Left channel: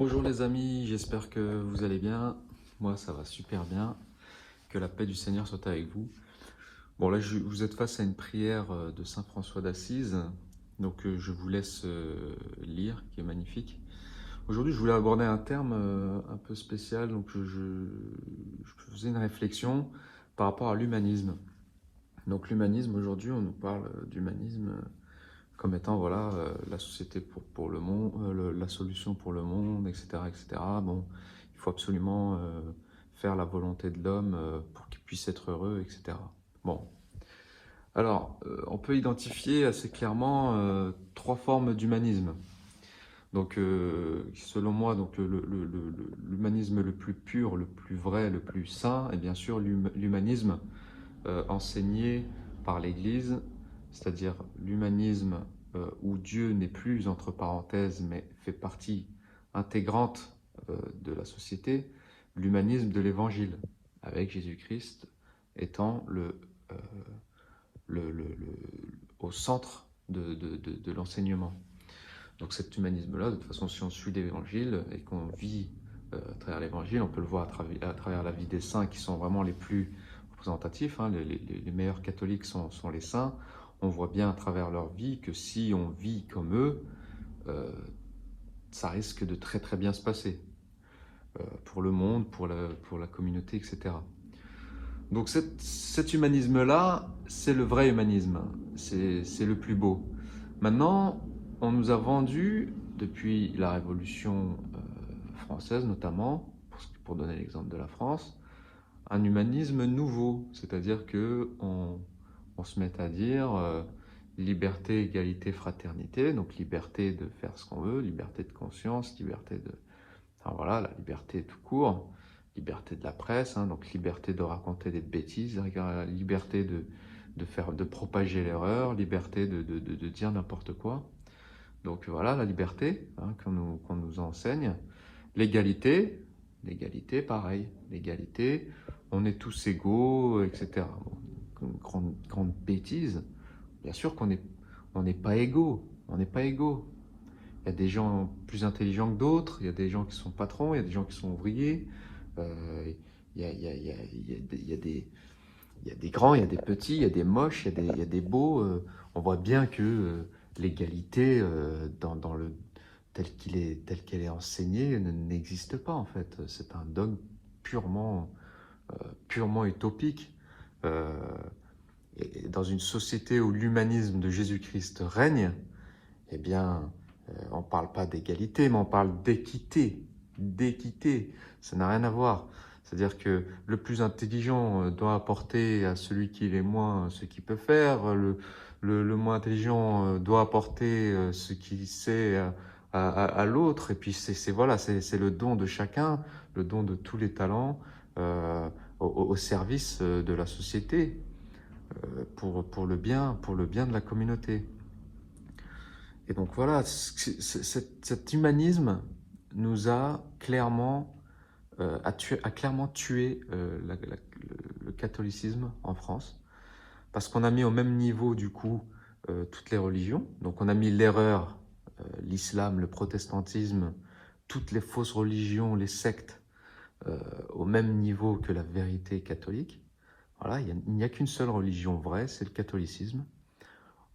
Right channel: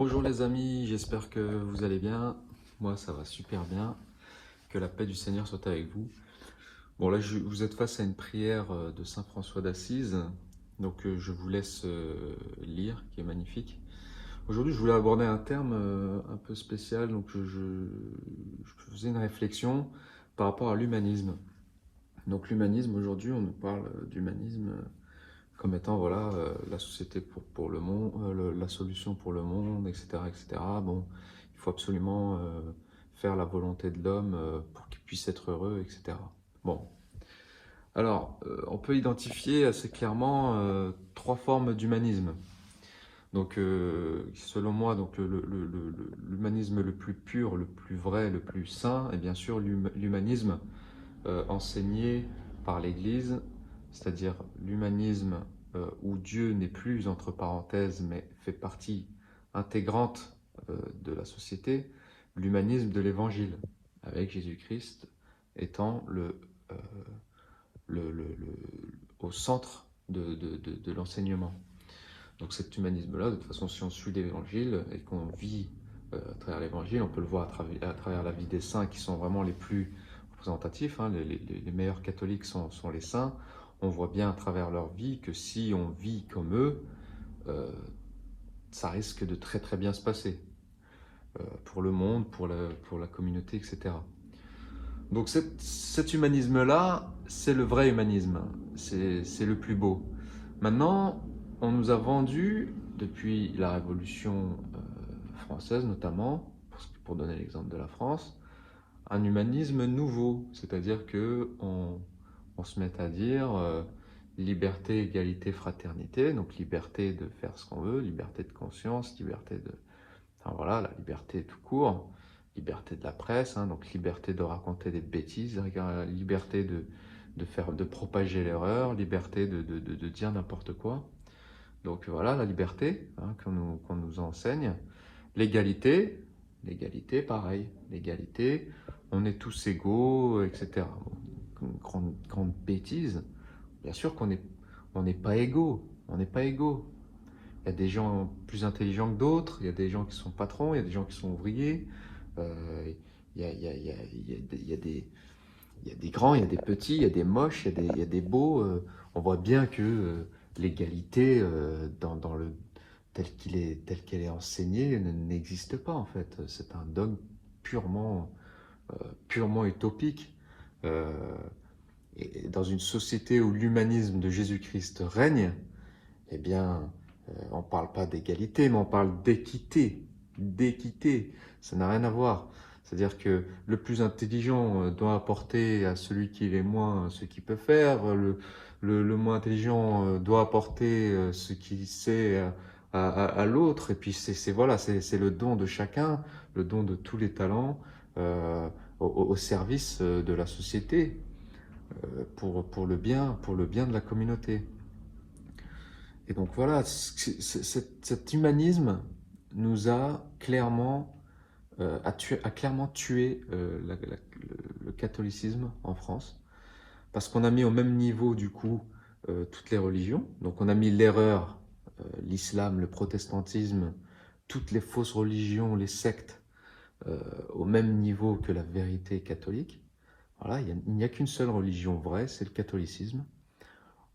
Bonjour les amis, j'espère que vous allez bien. Moi ça va super bien. Que la paix du Seigneur soit avec vous. Bon là vous êtes face à une prière de Saint François d'Assise. Donc je vous laisse lire, qui est magnifique. Aujourd'hui je voulais aborder un terme un peu spécial. Donc je faisais une réflexion par rapport à l'humanisme. Donc l'humanisme, aujourd'hui on nous parle d'humanisme comme étant voilà, la société pour le monde, la solution pour le monde, etc., etc. Bon, il faut absolument faire la volonté de l'homme pour qu'il puisse être heureux, etc. Bon, alors, on peut identifier assez clairement trois formes d'humanisme. Donc, selon moi, donc l'humanisme le plus pur, le plus vrai, le plus sain, est bien sûr l'humanisme enseigné par l'Église, c'est-à-dire l'humanisme où Dieu n'est plus entre parenthèses, mais fait partie intégrante de la société, l'humanisme de l'Évangile, avec Jésus-Christ étant euh, au centre de l'enseignement. Donc cet humanisme-là, de toute façon, si on suit l'Évangile et qu'on vit à travers l'Évangile, on peut le voir à travers la vie des saints qui sont vraiment les plus représentatifs. Hein, les meilleurs catholiques sont les saints. On voit bien à travers leur vie que si on vit comme eux, euh, ça risque de très très bien se passer pour le monde, pour la communauté, etc. Donc cet humanisme-là, c'est le vrai humanisme, c'est le plus beau. Maintenant, on nous a vendu, depuis la Révolution française notamment, pour donner l'exemple de la France, un humanisme nouveau, c'est-à-dire on se met à dire liberté, égalité, fraternité, donc liberté de faire ce qu'on veut, liberté de conscience, liberté de... Enfin voilà, la liberté tout court, liberté de la presse, hein, donc liberté de raconter des bêtises, liberté de propager l'erreur, liberté de dire n'importe quoi. Donc voilà, la liberté hein, qu'on nous enseigne. L'égalité, l'égalité pareil, l'égalité, on est tous égaux, etc. Bon, une grande bêtise. Bien sûr on n'est pas égaux, on n'est pas égaux. Il y a des gens plus intelligents que d'autres, il y a des gens qui sont patrons, il y a des gens qui sont ouvriers, il y a des grands, il y a des petits, il y a des moches, il y a des beaux. On voit bien que l'égalité, telle qu'elle est enseignée, n'existe pas en fait. C'est un dogme purement, purement utopique. Euh, et dans une société où l'humanisme de Jésus-Christ règne, eh bien, on ne parle pas d'égalité, mais on parle d'équité. D'équité, ça n'a rien à voir. C'est-à-dire que le plus intelligent doit apporter à celui qui l'est moins ce qu'il peut faire, le moins intelligent doit apporter ce qu'il sait à l'autre, et puis voilà, c'est le don de chacun, le don de tous les talents au service de la société, pour le bien de la communauté. Et donc voilà, cet humanisme nous a clairement, a clairement tué le catholicisme en France, parce qu'on a mis au même niveau du coup toutes les religions. Donc on a mis l'erreur, l'islam, le protestantisme, toutes les fausses religions, les sectes, au même niveau que la vérité catholique. Voilà, il n'y a qu'une seule religion vraie, c'est le catholicisme.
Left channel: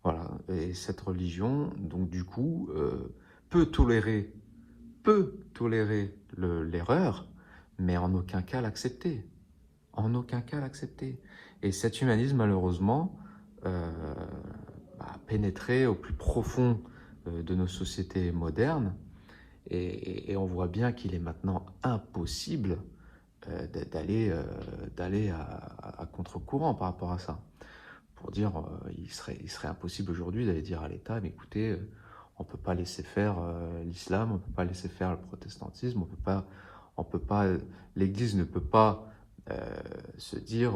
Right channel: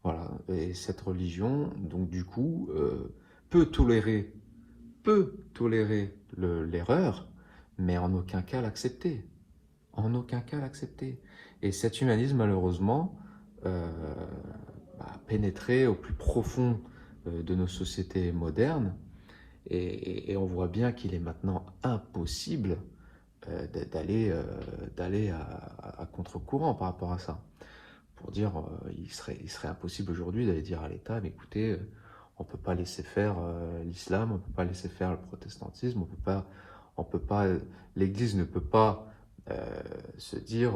Voilà, et cette religion, donc du coup, peut tolérer, l'erreur, mais en aucun cas l'accepter. En aucun cas l'accepter. Et cet humanisme, malheureusement, a pénétré au plus profond de nos sociétés modernes, et on voit bien qu'il est maintenant impossible d'aller à contre-courant par rapport à ça. Pour dire, il serait impossible aujourd'hui d'aller dire à l'État, mais écoutez, on ne peut pas laisser faire l'islam, on ne peut pas laisser faire le protestantisme, on peut pas, l'Église ne peut pas se dire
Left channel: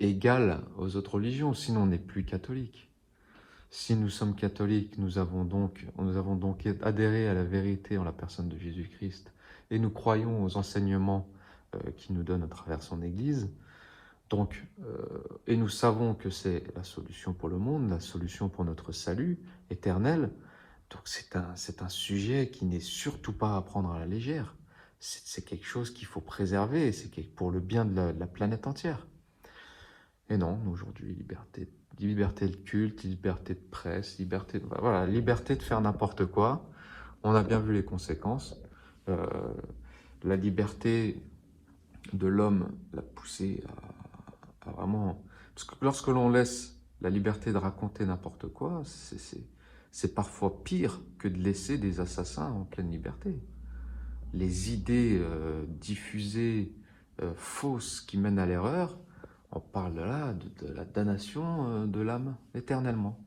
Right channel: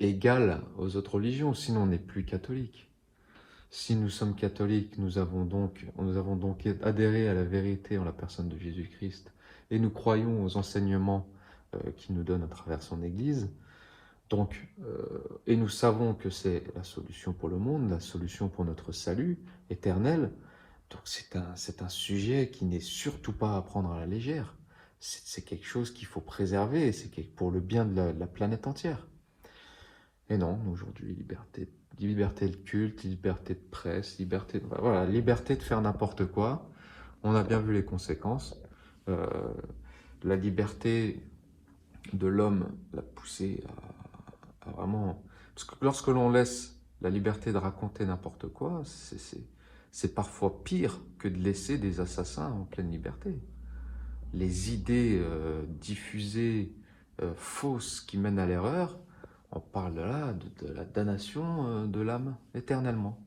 égale aux autres religions, sinon on n'est plus catholique. Si nous sommes catholiques, nous avons donc adhéré à la vérité en la personne de Jésus-Christ, et nous croyons aux enseignements qu'il nous donne à travers son Église. Donc, et nous savons que c'est la solution pour le monde, la solution pour notre salut éternel. Donc c'est un sujet qui n'est surtout pas à prendre à la légère. C'est quelque chose qu'il faut préserver, et c'est pour le bien de la planète entière. Mais non, aujourd'hui, liberté de culte, liberté de presse, voilà, liberté de faire n'importe quoi. On a bien vu les conséquences. Euh, la liberté de l'homme l'a poussé à vraiment... Parce que lorsque l'on laisse la liberté de raconter n'importe quoi, c'est parfois pire que de laisser des assassins en pleine liberté. Les idées diffusées, fausses, qui mènent à l'erreur, on parle là de la damnation de l'âme éternellement.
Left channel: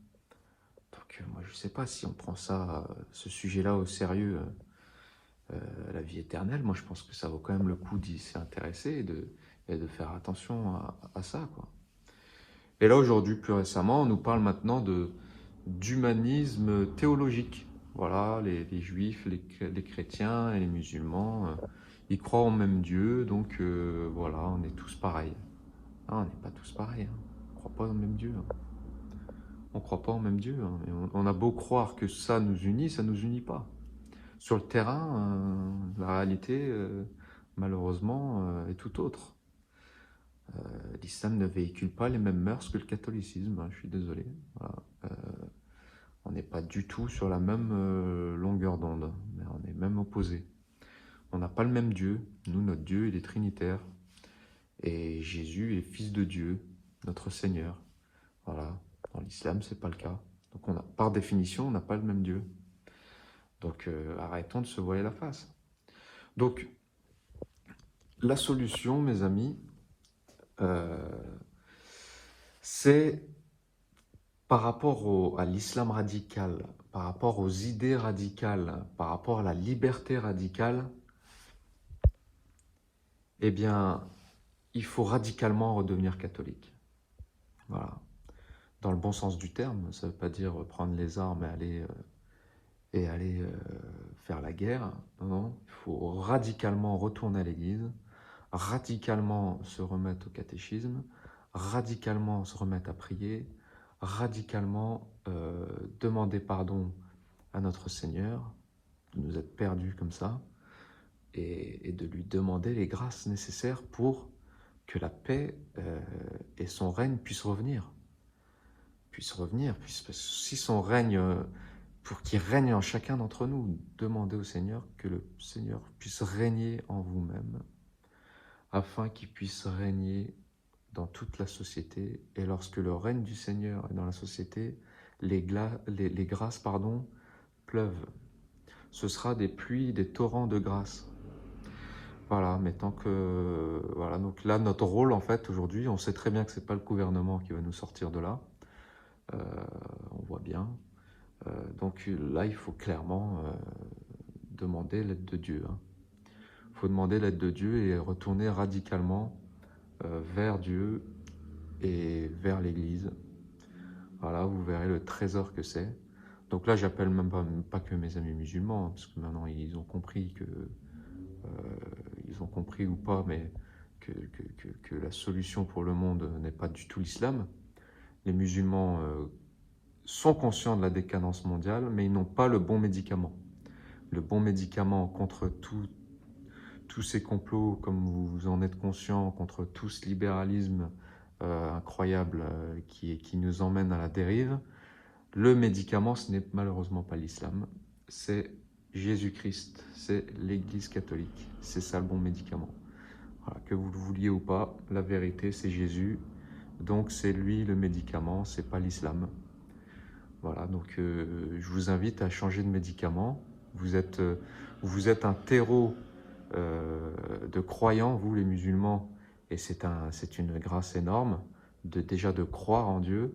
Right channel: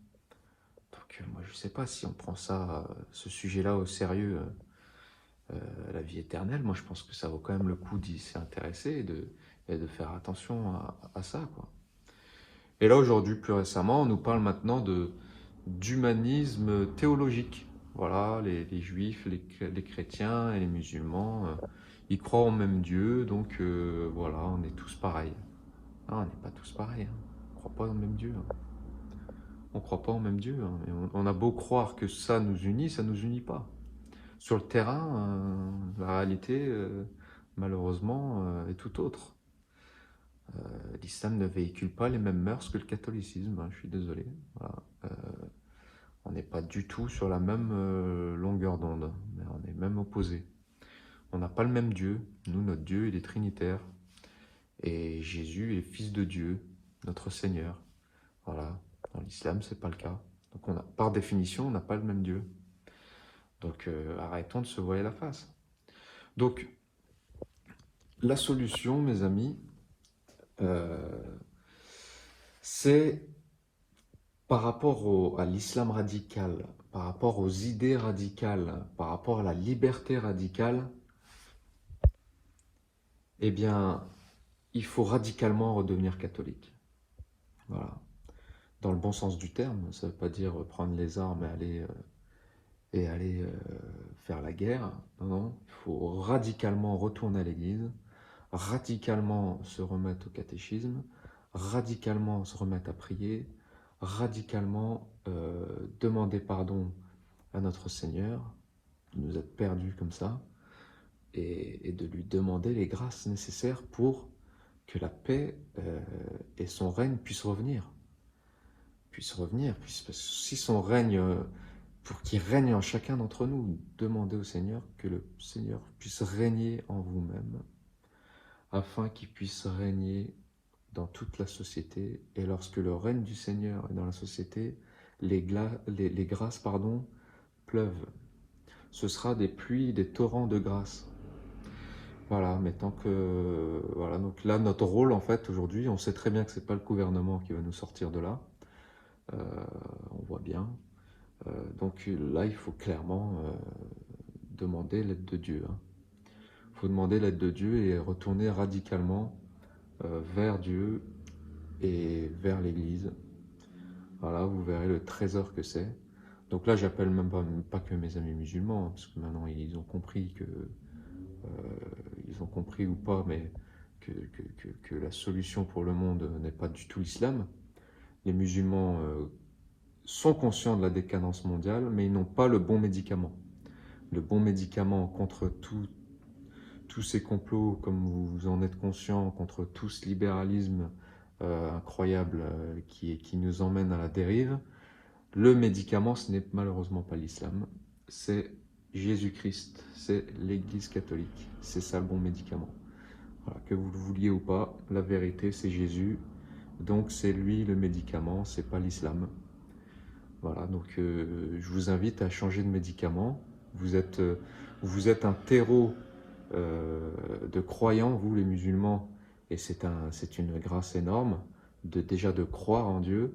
Donc moi je ne sais pas si on prend ce sujet-là au sérieux, la vie éternelle. Moi je pense que ça vaut quand même le coup d'y s'intéresser et de faire attention à ça, quoi. Et là aujourd'hui, plus récemment, on nous parle maintenant d'humanisme théologique. Voilà, les juifs, les chrétiens et les musulmans, ils croient au même Dieu, donc voilà, on est tous pareils. Ah, on n'est pas tous pareils, hein. On ne croit pas au même Dieu, hein. On ne croit pas au même Dieu, hein. Et on a beau croire que ça nous nous unit pas. Sur le terrain, la réalité, malheureusement, est tout autre. L'islam ne véhicule pas les mêmes mœurs que le catholicisme, hein, je suis désolé. Voilà. On n'est pas du tout sur la même longueur d'onde, mais on est même opposés. On n'a pas le même Dieu. Nous, notre Dieu, il est trinitaire. Et Jésus est fils de Dieu, notre Seigneur. Voilà. Dans l'islam, c'est pas le cas. Donc, par définition, on n'a pas le même Dieu. Donc, arrêtons de se voiler la face. Donc, la solution, mes amis, c'est par rapport à l'islam radical, par rapport aux idées radicales, par rapport à la liberté radicale, eh bien, il faut radicalement redevenir catholique. Voilà. Dans le bon sens du terme, ça ne veut pas dire prendre les armes et aller faire la guerre. Non, non, il faut radicalement retourner à l'église, radicalement se remettre au catéchisme, radicalement se remettre à prier, radicalement demander pardon à notre Seigneur, de nous être perdus comme ça, et de lui demander les grâces nécessaires pour que la paix et son règne puissent revenir. Si son règne, pour qu'il règne en chacun d'entre nous, demandez au Seigneur que le Seigneur puisse régner en vous-même, afin qu'il puisse régner dans toute la société. Et lorsque le règne du Seigneur est dans la société, les grâces pleuvent. Ce sera des pluies, des torrents de grâce. Voilà, mais tant que... Voilà, donc là, notre rôle, en fait, aujourd'hui, on sait très bien que ce n'est pas le gouvernement qui va nous sortir de là. On voit bien. Donc là, il faut clairement demander l'aide de Dieu. Il faut demander l'aide de Dieu et retourner radicalement vers Dieu et vers l'Église. Voilà, vous verrez le trésor que c'est. Donc là, j'appelle même pas que mes amis musulmans, parce que maintenant, ils ont compris que... ils ont compris ou pas, mais que la solution pour le monde n'est pas du tout l'islam. Les musulmans sont conscients de la décadence mondiale, mais ils n'ont pas le bon médicament. Le bon médicament contre tous ces complots, comme vous en êtes conscients, contre tout ce libéralisme incroyable qui nous emmène à la dérive, le médicament, ce n'est malheureusement pas l'islam, c'est Jésus-Christ, c'est l'Église catholique. C'est ça le bon médicament. Voilà, que vous le vouliez ou pas, la vérité c'est Jésus. Donc c'est lui le médicament, c'est pas l'islam. Voilà, donc je vous invite à changer de médicament. Vous êtes un terreau de croyants, vous les musulmans, et c'est une grâce énorme déjà de croire en Dieu.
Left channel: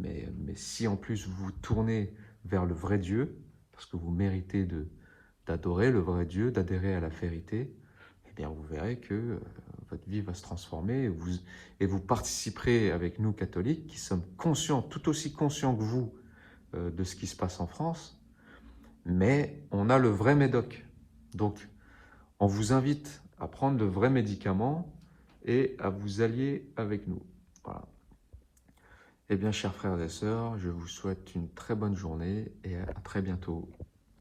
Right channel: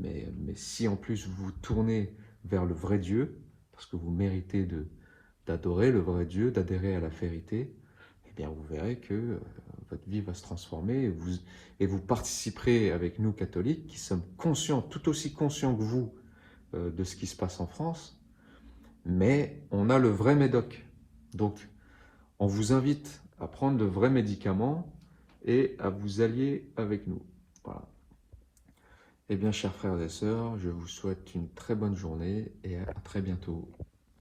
Mais si en plus vous tournez vers le vrai Dieu, parce que vous méritez d'adorer le vrai Dieu, d'adhérer à la vérité, eh bien vous verrez que votre vie va se transformer et vous participerez avec nous catholiques qui sommes conscients, tout aussi conscients que vous de ce qui se passe en France, mais on a le vrai médoc. Donc on vous invite à prendre de vrais médicaments et à vous allier avec nous. Voilà. Eh bien, chers frères et sœurs, je vous souhaite une très bonne journée et à très bientôt.